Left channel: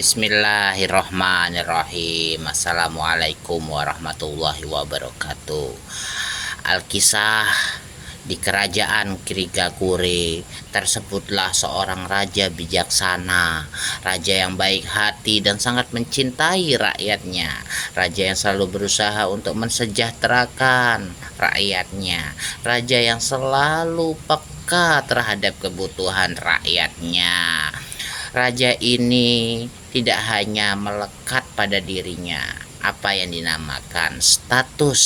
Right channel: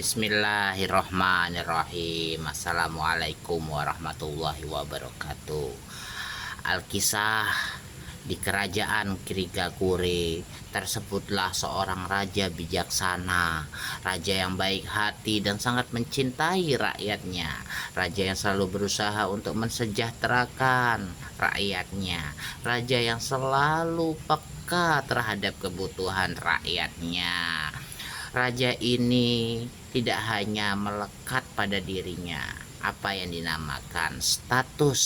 Bismillahirrahmanirrahim. Assalamualaikum warahmatullahi wabarakatuh. Alkisah di kerajaan Kirigakure tersebutlah seorang raja bijaksana, raja yang baik hati dan sangat mencintai rakyatnya, raja yang selalu berusaha untuk mensejahterakan rakyatnya, raja yang selalu peka terhadap kebutuhan rakyatnya. Raja ini tidak hanya melekat pada dirinya apa yang dinamakan status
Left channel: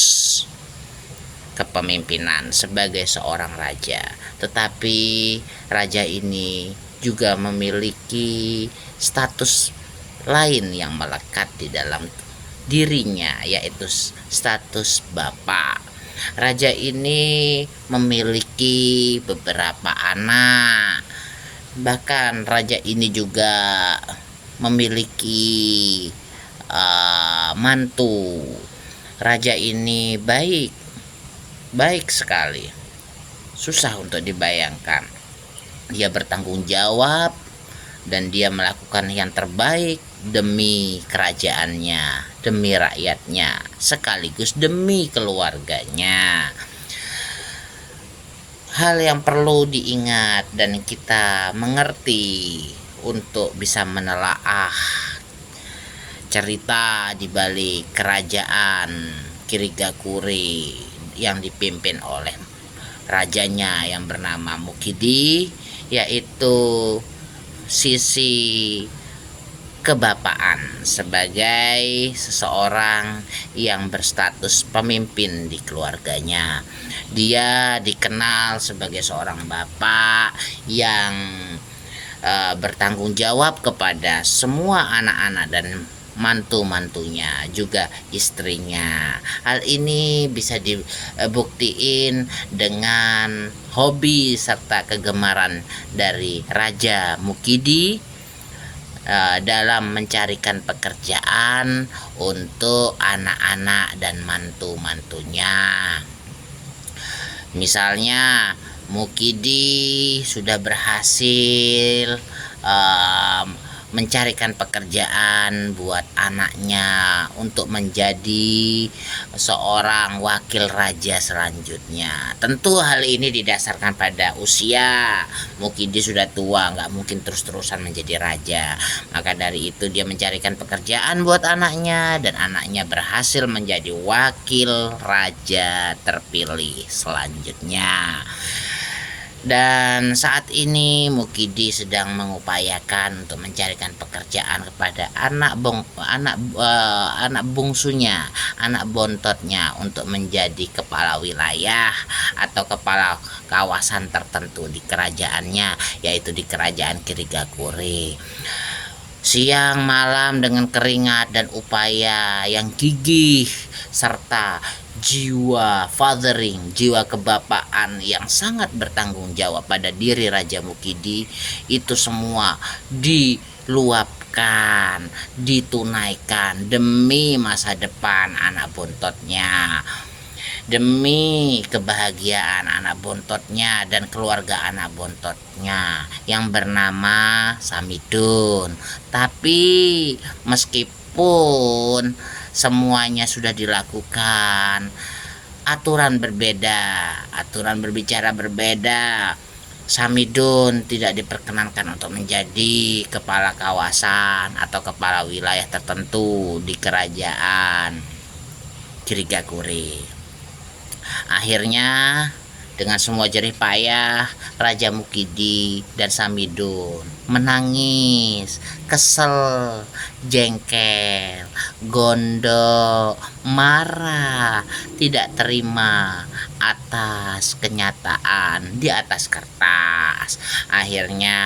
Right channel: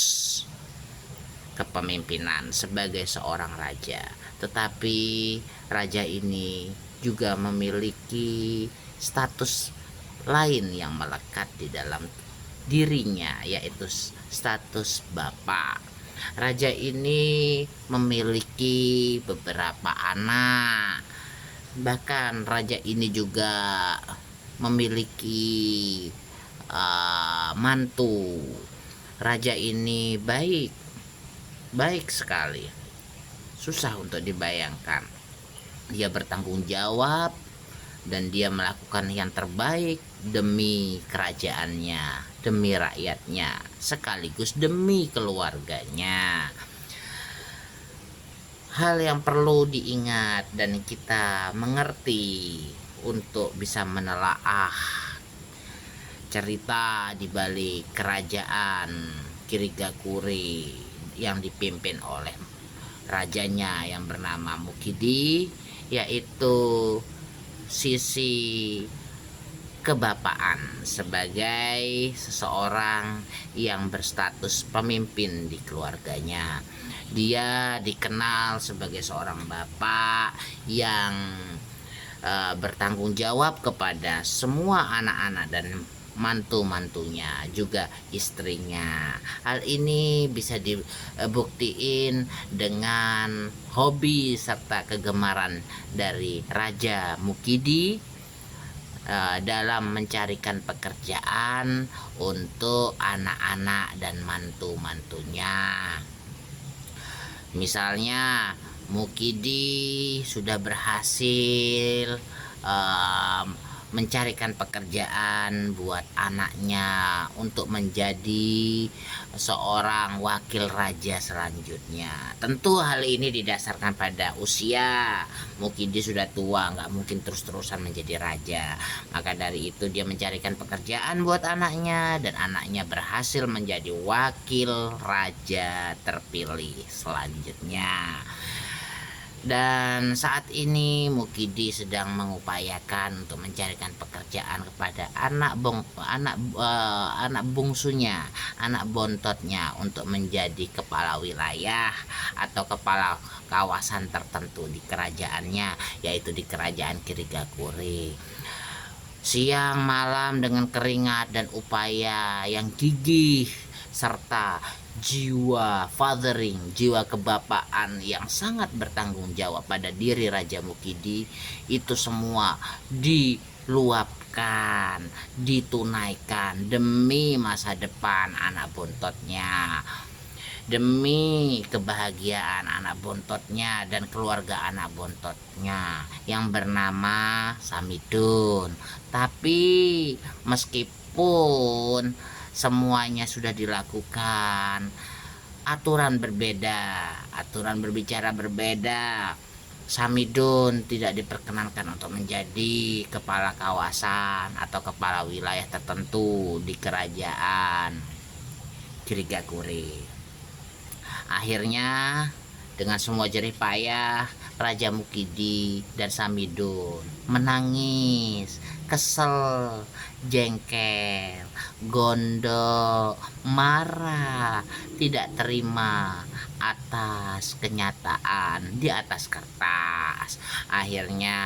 kepemimpinan sebagai seorang raja, tetapi raja ini juga memiliki status lain yang melekat di dalam dirinya, yaitu status bapak. Raja ini memiliki beberapa anak. Bahkan raja ini juga memiliki mantu. Raja ini baik sekali, susah untuk dibayangkan. Dia bertanggung jawab dan dia melakukan yang terbaik demi kerajaannya, demi rakyatnya, sekaligus demi keluarganya. Hal yang perlu diingat dan kita mengerti untuk bisa menelaah cerita di balik kerajaan Kirigakure yang dipimpin oleh rajanya yang bernama Mukidi, yaitu sisi kebapaan sebagai seseorang yang berstatus pemimpin di keluarganya. Dia dikenal sebagai seorang bapak yang bertanggung jawab kepada semua anak-anak dan mantu-mantunya, juga istrinya. Hal ini bisa dibuktiin dengan hobi serta kegemaran dari Raja Mukidi dalam mencarikan pekerjaan untuk anak-anak dan mantu-mantunya. Misalnya Mukidi sudah berhasil mencarikan pekerjaan buat anaknya untuk menjadi seorang wakil raja selanjutnya. Tentu hal ini didasarkan pada usia. Mukidi sudah tua, nggak mungkin terus-terusan menjadi raja. Maka dari itu dia mencarikan pekerjaan buat anaknya, dan anaknya berhasil menjadi wakil raja terpilih selanjutnya. Dan saat ini Mukidi sedang mengupayakan untuk mencarikan pekerjaan kepada anak bungsunya, anak bontotnya, untuk menjadi kepala wilayah atau kepala kawasan tertentu di kerajaannya, yaitu di kerajaan Kirigakure. Siang malam dengan keringat dan upaya yang gigih serta jiwa fathering, jiwa kebapaan yang sangat bertanggung jawab pada diri Raja Mukidi, itu semua diluapkan, ditunaikan demi masa depan anak bontotnya, demi kebahagiaan anak bontotnya dan keluarga anak bontotnya yang bernama Samidun. Tapi meskipun semuanya sudah dilakukan, aturan berbicara berbeda. Samidun tidak diperkenankan untuk menjadi kepala kawasan atau kepala wilayah tertentu di kerajaan Kirigakure. Akhirnya dengan semua jerih payah, Raja Mukidi dan Samidun menangis, kesel, jengkel, gondok, marah, tidak terima atas kenyataan di atas kertas. Akhirnya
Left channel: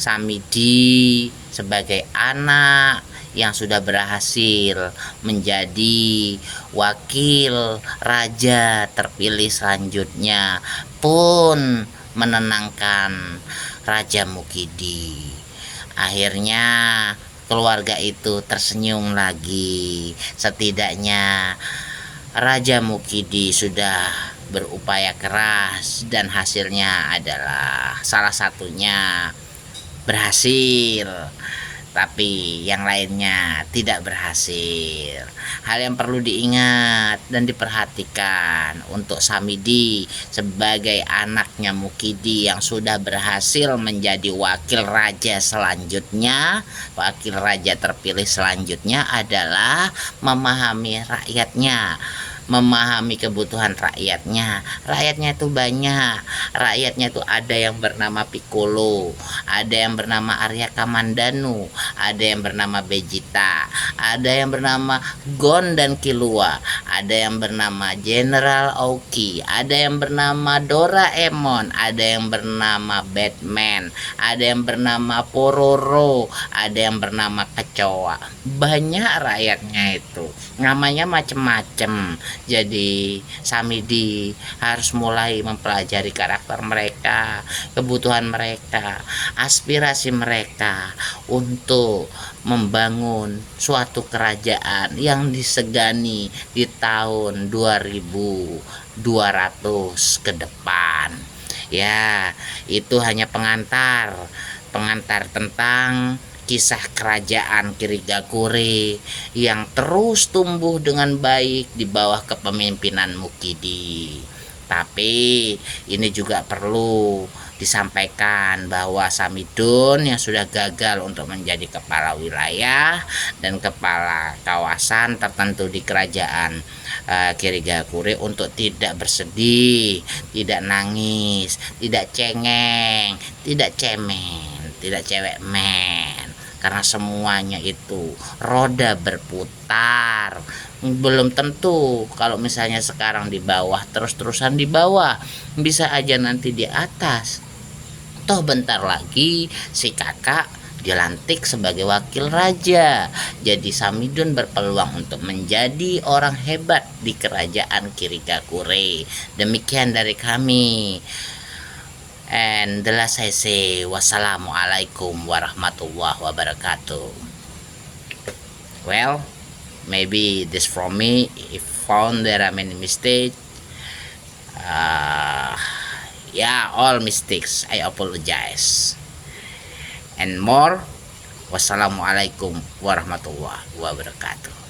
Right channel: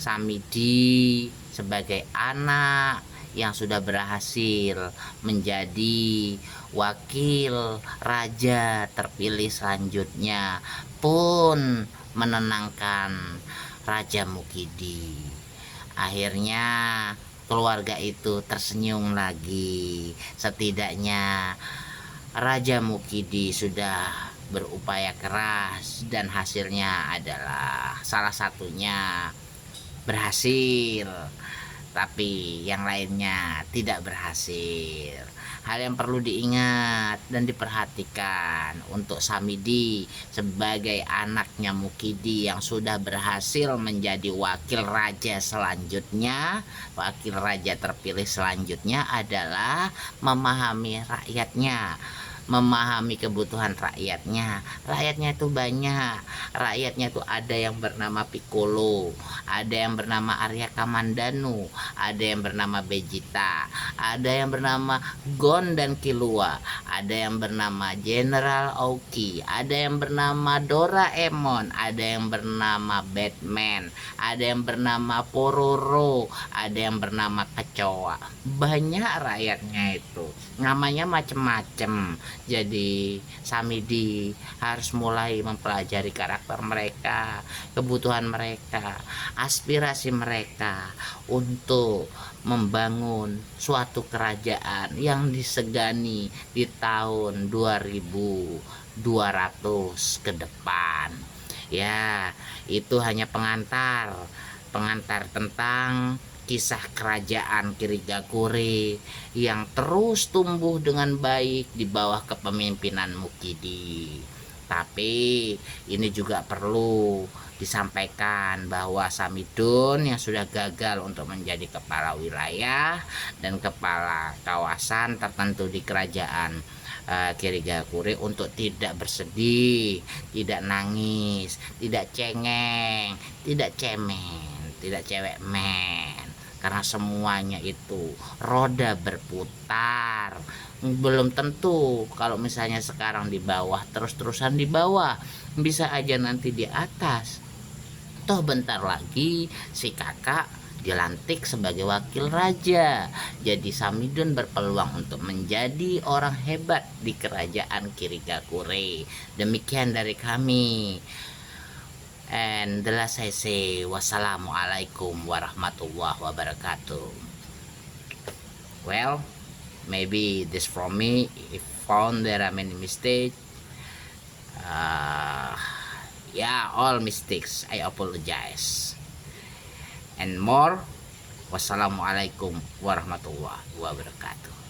Samidi sebagai anak yang sudah berhasil menjadi wakil raja terpilih selanjutnya pun menenangkan Raja Mukidi. Akhirnya keluarga itu tersenyum lagi. Setidaknya Raja Mukidi sudah berupaya keras dan hasilnya adalah salah satunya berhasil. tapi yang lainnya tidak berhasil. Hal yang perlu diingat dan diperhatikan untuk Samidi sebagai anaknya Mukidi yang sudah berhasil menjadi wakil raja selanjutnya, wakil raja terpilih selanjutnya adalah memahami rakyatnya, memahami kebutuhan rakyatnya. Rakyatnya itu banyak. Rakyatnya itu ada yang bernama Piccolo, ada yang bernama Arya Kamandanu, ada yang bernama Vegeta, ada yang bernama Gon dan Killua, ada yang bernama General Aoki, ada yang bernama Doraemon, ada yang bernama Batman, ada yang bernama Pororo, ada yang bernama Kecoa. Banyak rakyatnya itu, namanya macem-macem. Jadi Samidi harus mulai mempelajari karakter mereka, kebutuhan mereka, aspirasi mereka untuk membangun suatu kerajaan yang disegani di tahun 2200 ke depan. Ya, itu hanya pengantar tentang kisah kerajaan Kirigakure yang terus tumbuh dengan baik di bawah kepemimpinan Mukidi. Tapi ini juga perlu disampaikan bahwa Samidun yang sudah gagal untuk menjadi kepala wilayah dan kepala kawasan tertentu di kerajaan Kirigakure untuk tidak bersedih, tidak nangis, tidak cengeng, tidak cemen, tidak cewek men, karena semuanya itu roda berputar. Belum tentu kalau misalnya sekarang di bawah terus-terusan di bawah, bisa aja nanti di atas. Toh bentar lagi si kakak dilantik sebagai wakil raja. Jadi Samidun berpeluang untuk menjadi orang hebat di kerajaan Kirigakure. Demikian dari kami. And the last I say, wassalamualaikum warahmatullahi wabarakatuh. Well, maybe this from me. If found there are many mistakes, yeah, all mistakes, I apologize. And more, wassalamualaikum warahmatullahi wabarakatuh.